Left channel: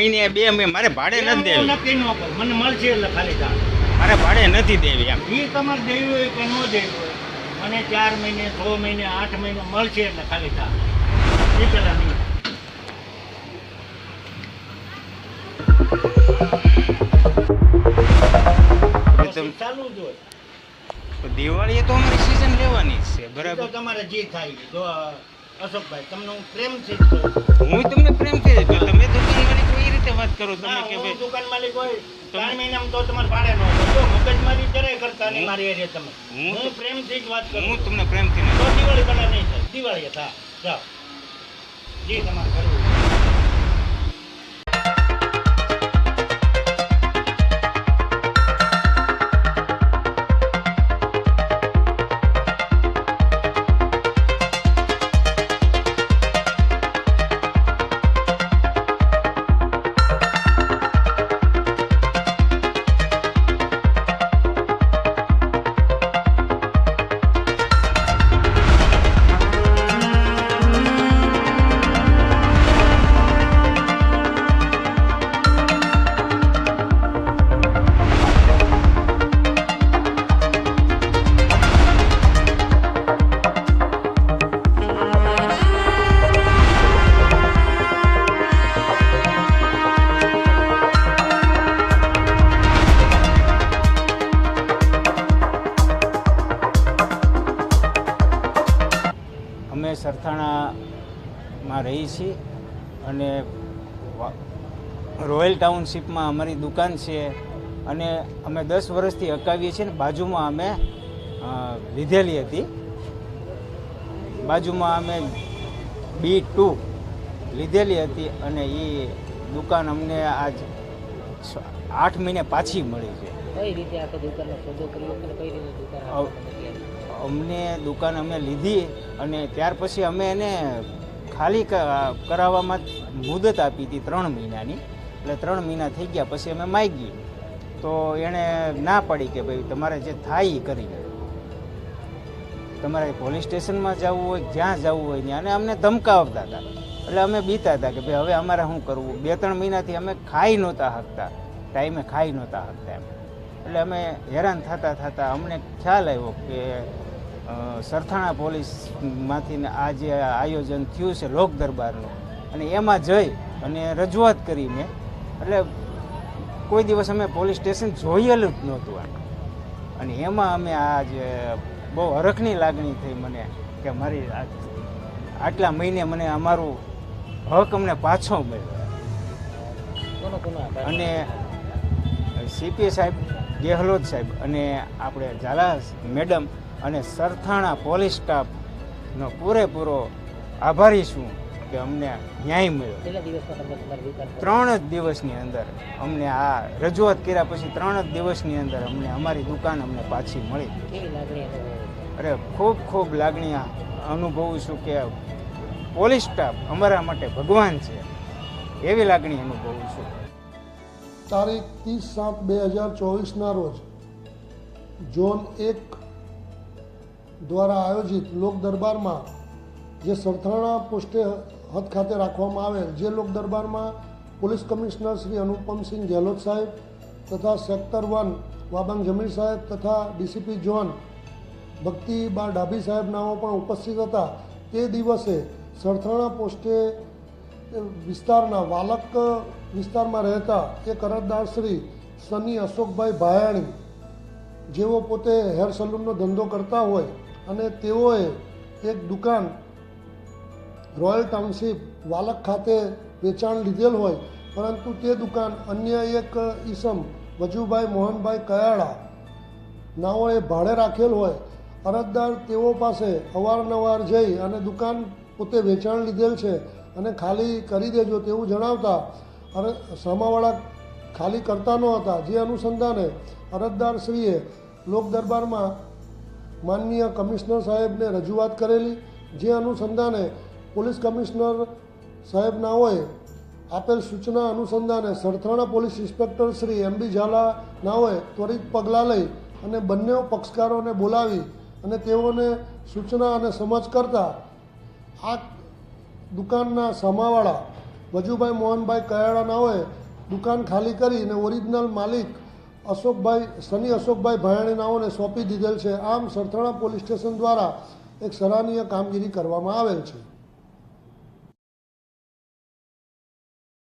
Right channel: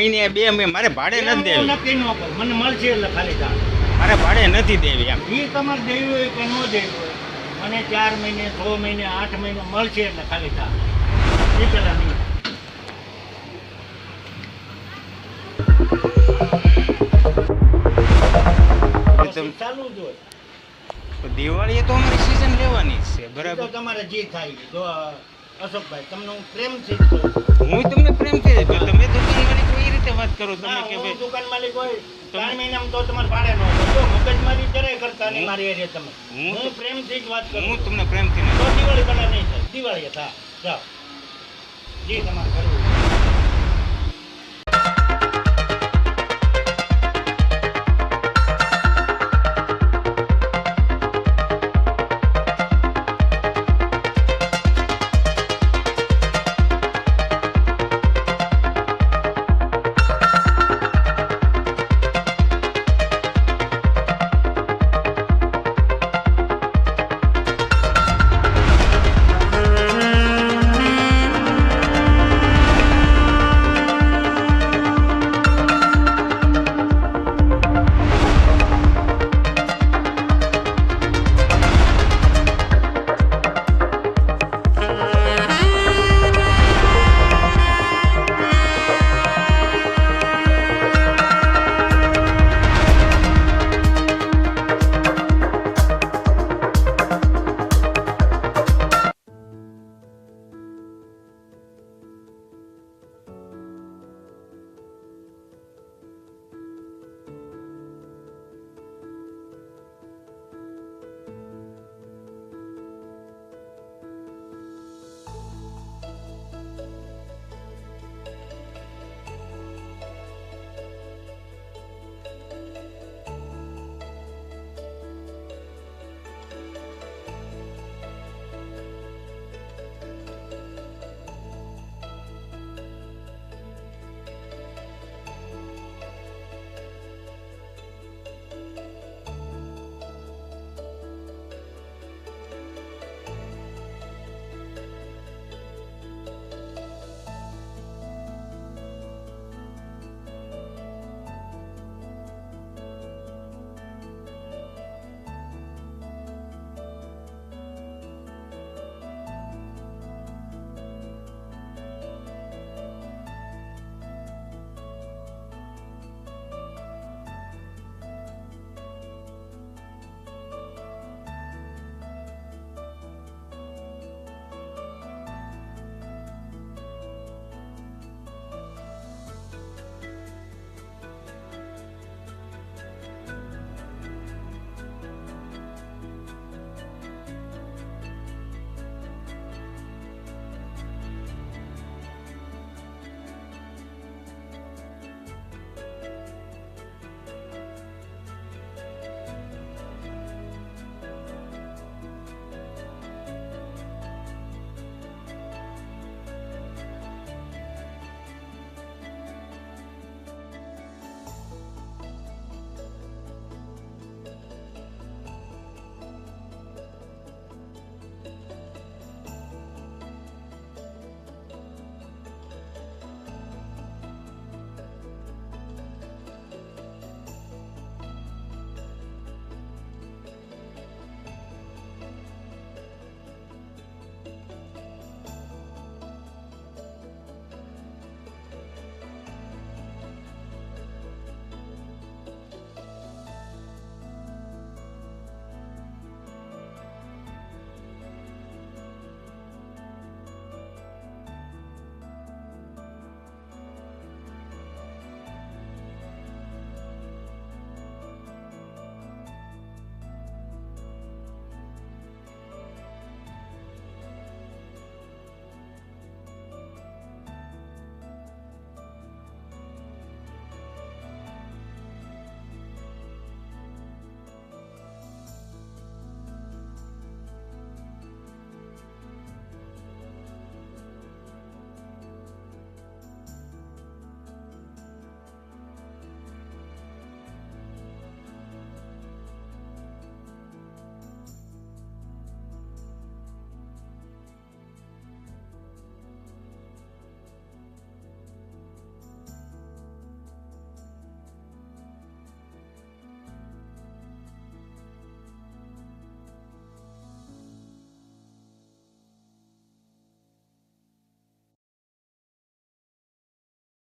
મહિને બે મારે ભાડે નથી દેવી. નક્કી ન કર, મને મળશે એટલે ખાલી જા. મારે ભાડે નથી દેવી એમ. એ તમારે દેવી હોય કે ન દેવી હોય, મને 4 મહિને 6 મહિને 8 મહિને મળશે એટલે ખાલી જા. એ પેલા નહીં. ચાલુ જ હોય. દિવાળીએ તો અમારી સીઝન લેવાની જ છે, તો બરાબર. તમારે જે થાય જો અશોકભાઈ તમને હું પ્રેમથી જ કહું. હું તમને પ્રેમથી જ કહું. તમે દુકાન માલિક એ રીતે વાત કરો તમે ના, કે હું ભાઈ દુકાન માલિક હોય 4 મહિનામાં તો તમારે ભાડે ન હોય. જો મગજમારી જરાય કરતા નહીં મારી એરિયા તમે. હું પ્રેમથી જ વાત કરું. હું તમને પ્રેમથી તો દિવાળી પહેલા નહીં થાય, દિવાળીએ થા જાઓ જે તમારે કરવું હોય. અમે સરથાણામાં રહીએ છીએ અને રોયલ ટાઉનશીપમાં અમારી દુકાન છે અને અમે 10 વર્ષથી અકાવીએ છીએ ને બાજુમાં અમે લીધેલી હતી. બાજુમાં અમે B2 લીધેલી હતી અને એ દુકાન અમને આજ 8 મહિને પાછી મળી છે. કઈ રીતે આ દુકાનનો સોદો કર્યો અને કઈ રીતે દુકાન અમને દુકાન અમે લીધી અને ત્યાર પછી અમે એને ખાલી કરાવવામાં મુદત આપી હતી 3 મહિનાની. એટલે 3 મહિના થઈ ગયા પછી અમે માગી તો એણે ના પાડી કે ભાઈ તમારે જે થાય એ કરી લે, તમારે પોલીસ સ્ટેશનમાં જવું હોય જ્યાં જવું હોય ત્યાં. અને અમને ધમકાવતા હતા એટલે અમે બીતા હતા કે ભાઈ હવે અમારે શું કરવું. 2-3 મહિનાથી અમે ખાઈ નહોતા શકતા, ટાઈમે ખાઈ નહોતા શકતા એમ. એટલે અમે હેરાન થતા અમને ખ્યાલ આવ્યો કે સરથાણા પોલીસમાંથી આ જે આયોજન થયું છે લોક દરબારનું, અને એમાં જઈ અને રજૂઆત કરી મેં. એટલે કોઈ દિવસ અમે પોલીસ સ્ટેશન જોયેલું જ નહોતું અને એમાં અમે આ જે બહુ હરખની લાગણી થઈ મને કે મારી આટલા મહિને મને અમારું હક અમને પાછો મળ્યો. અને સીપી સાહેબ, ગેહલોત સાહેબ અને આપણે ઝાલા મેડમ અને સરથાણા પોલીસ સ્ટાફનો પૂરેપૂરો આભારી છું કે અમને ન્યાય મળ્યો. 3 જ દિવસની અંદર અમને આ રજૂઆત કર્યા પછી 3 જ દિવસની અંદર અમને અમારી દુકાન અમને પાછી મળી. અરે ખૂબ લાગણી અનુભવું છું કે પોલીસ સ્ટાફ અમારા માટે ભગવાન છે, એવી લાગણી અનુભવું છું. તારીખ 30/7/2024ના રોજ ઝોન 1 દ્વારા આયોજિત લોક દરબારમાં જે સરથાણા પોસ્ટે હદ ખાતે રાખવામાં આવેલ, જે લોક દરબારમાં પોલીસ કમિશનર શ્રી અનુપમસિંહ ગેહલોત સાહેબ તથા સેક્ટર 1 વાબંગ જમીર સાહેબ તથા ડીસીપી ઝોન ભક્તિબા ડાભી સાહેબ નાઓ પણ ઉપસ્થિત હતા. તે દિવસે સરથાણા પોસ્ટે વિસ્તારના વાલક વિસ્તારમાં રહેતા એક અરજદાર શ્રી સની અશોકભાઈ ભાયાણી, જેઓ પોતે હેર સલૂનનો ધંધો કરતા હોય અને તેઓએ એક દુકાન રોયલ ટાઉનશીપ વાલક ખાતે વેચાણ લીધેલ હોય, પરંતુ તે દુકાન અન્ય એક ઈસમ વજુભાઈ મોહનભાઈ કયાળા નાઓએ ભાડે રાખેલ હોય. અરજદાર તેઓ પાસે અવારનવાર જઈ અને દુકાન પોતે વેચાણ લીધેલ છે અને ખાલી કરી દેજો તેવું જણાવતા સામાવાળા ખાલી કરતા ન હતા. જે અનુસંધાને અરજદારશ્રીએ લોક દરબારમાં માનનીય કમિશનર સાહેબને રજૂઆત કરેલી. જે અનુસંધાને પોલીસ કમિશનર સાહેબનાઓએ આપેલ સૂચના અનુસંધાને Sarthana police inspector Shri MB Jhala નાઓએ ત્વરિત પગલાં લઈ અને બંને પક્ષકારોને બોલાવી અને તેઓને સૂચના અને સમજ કરતા આ દુકાનના સામાવાળા વજુભાઈ મોહનભાઈ કયાળા નાઓએ દુકાન ખાલી કરીને ઓરિજિનલ માલિક સની અશોકભાઈ ભાયાણી નાઓને સોંપી દીધેલ છે. આમ સરથાણા પોલીસ સ્ટેશન દ્વારા એક સરાહનીય કામગીરી કરવામાં આવેલ છે.